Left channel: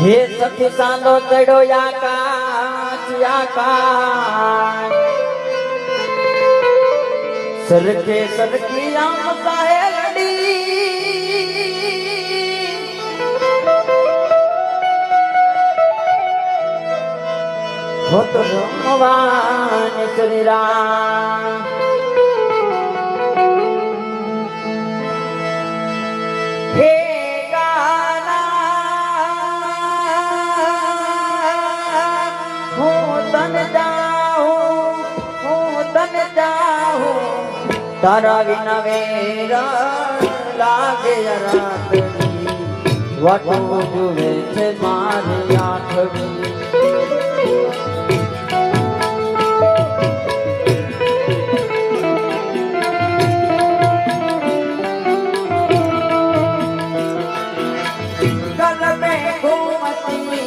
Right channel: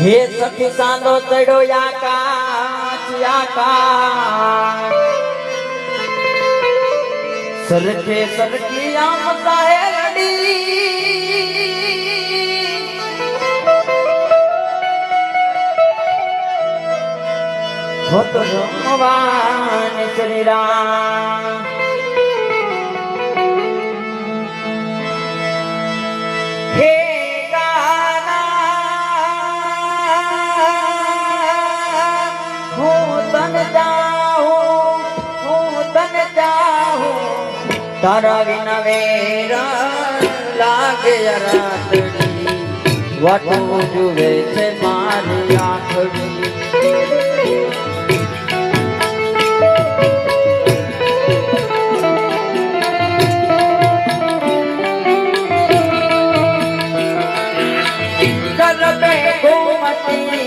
હે સખી સાંડો ચડ્યો આકાશ સરખે સરખી આમ કાહે લડી હોત રમવાન શ્રી રામ હે તારા વિના વેરા લાગે રાતડી વાટું જુએ છે મારી આંખડી કરબે ગોમતી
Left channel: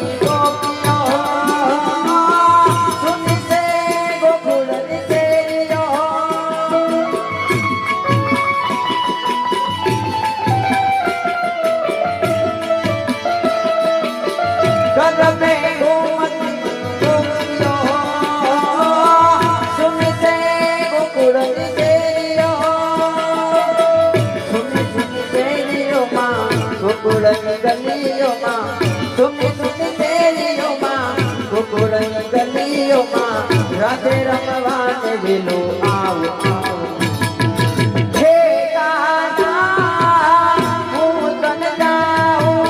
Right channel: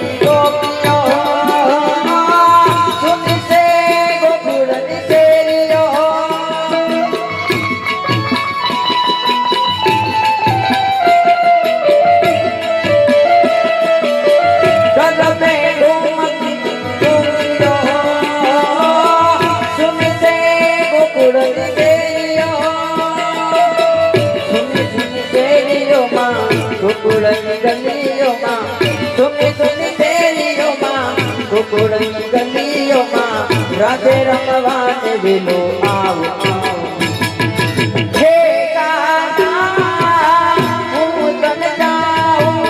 રાધે રમવાને વિલો આવો હે ગાના હું તને જાઉં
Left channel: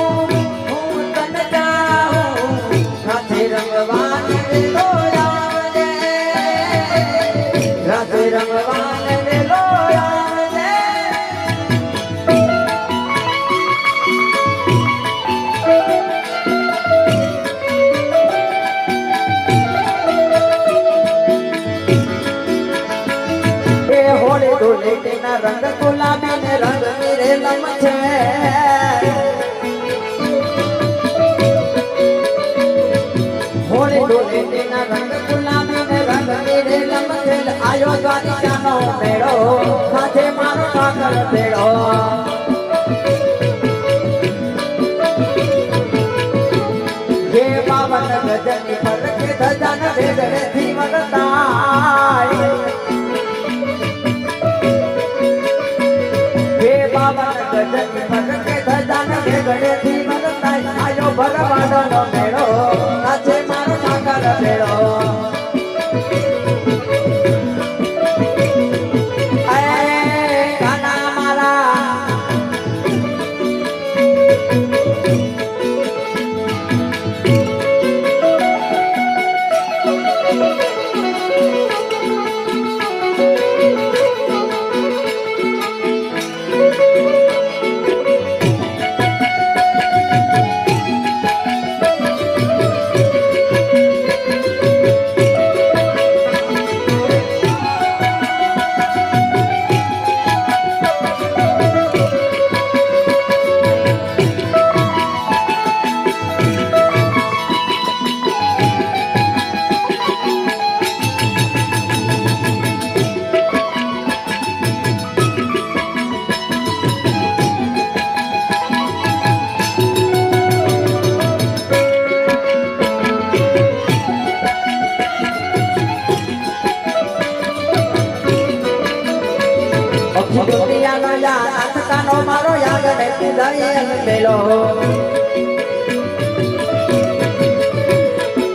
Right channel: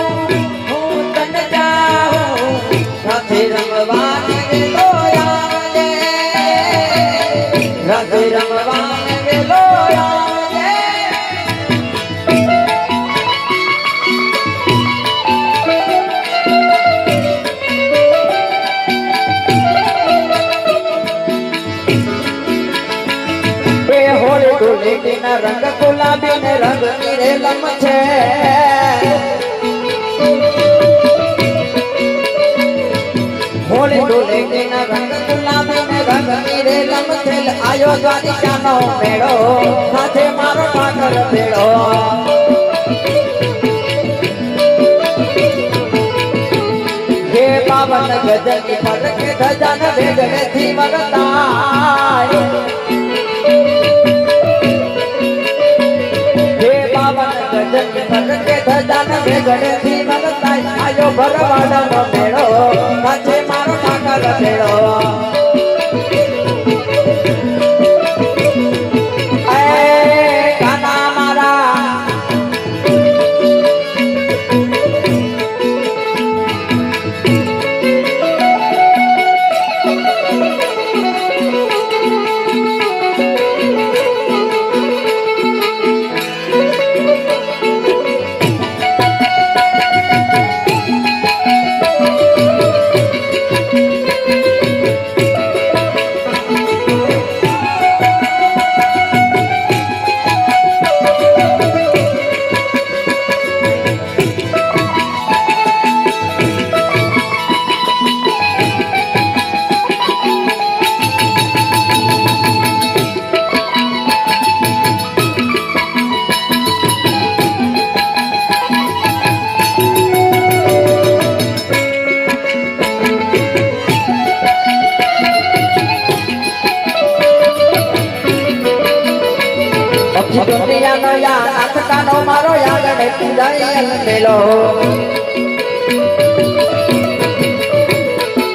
રાધે રમવાને વિલો આવજે રાધે રમવાને વિલો આવજે ધૂળેટીના રંગ ગુલાબી ને રંગ નીરેલમ છે હોળી ધૂળેટીના રંગ ગુલાબી ને રંગ નીરેલમ છે આયો દ્વારિકાનો મેળો સાથે મારો પાકર ભેળો હે પાવન ગજની પડકે ધજાન ભેગડેથી મગતા ગણેથી મગતા આયો ભરવાડનો મેળો આજે મારો પાકર ભેળો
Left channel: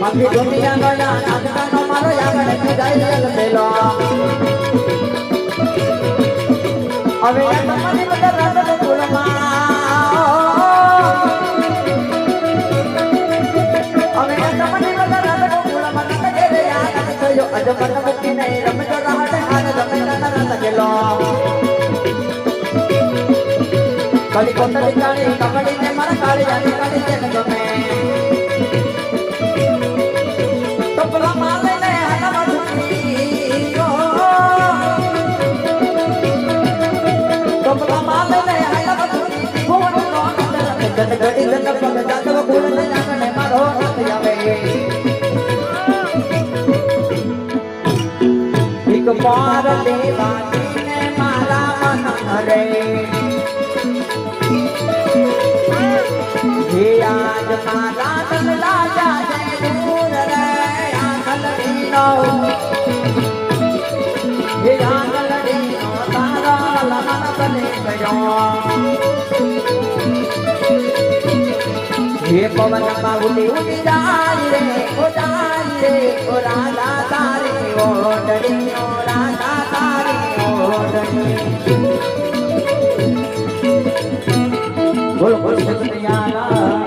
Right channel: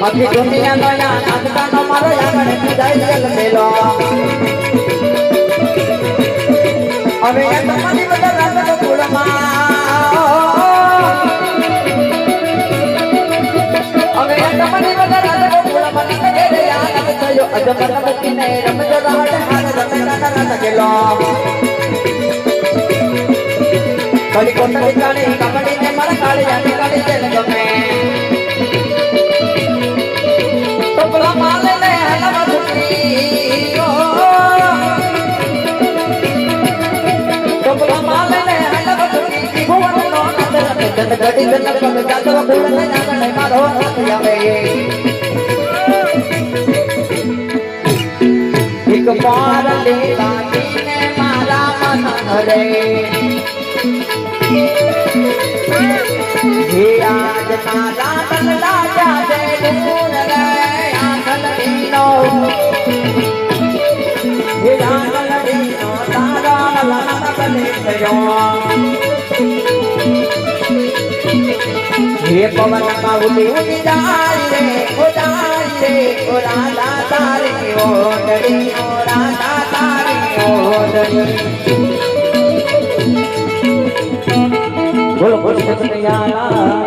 આખી દુનિયા ગણા નાથકાનો મારો યાગણ પીડાઈ મેલો હવે તમારી બધા રાતનો ફૂલમાં હવે તમારી બધા રાતનો ફૂલમાં નકે રે યાર થયો અજમલ કિને રમજો રાવડ હાથ જમેલા ના ગેલો કલી કોટલી કાળી કમળી ને મારા કાળી યાની કાળી તેલ જમે ટોપલા માલે ને હલવા છુપી ટોપલા માલે ને હલવા છુપી ભુવન નો અંદર જન ગડી જન પગ જાતવ ભૂલ ને નાને મારો આવે એક બાર લેવાની ને મારા મન હરે હે આજ મારા તલડા જાતે દૂર ગયા ગલડીનો હે ગલડીનો તારા લાના કને થયો હે પવન માં ઉડી જાય રે ઓરાલા તારી ઓડડી ઓરાલા તારી ઓડડી બોલો કૃષ્ણ કનૈયા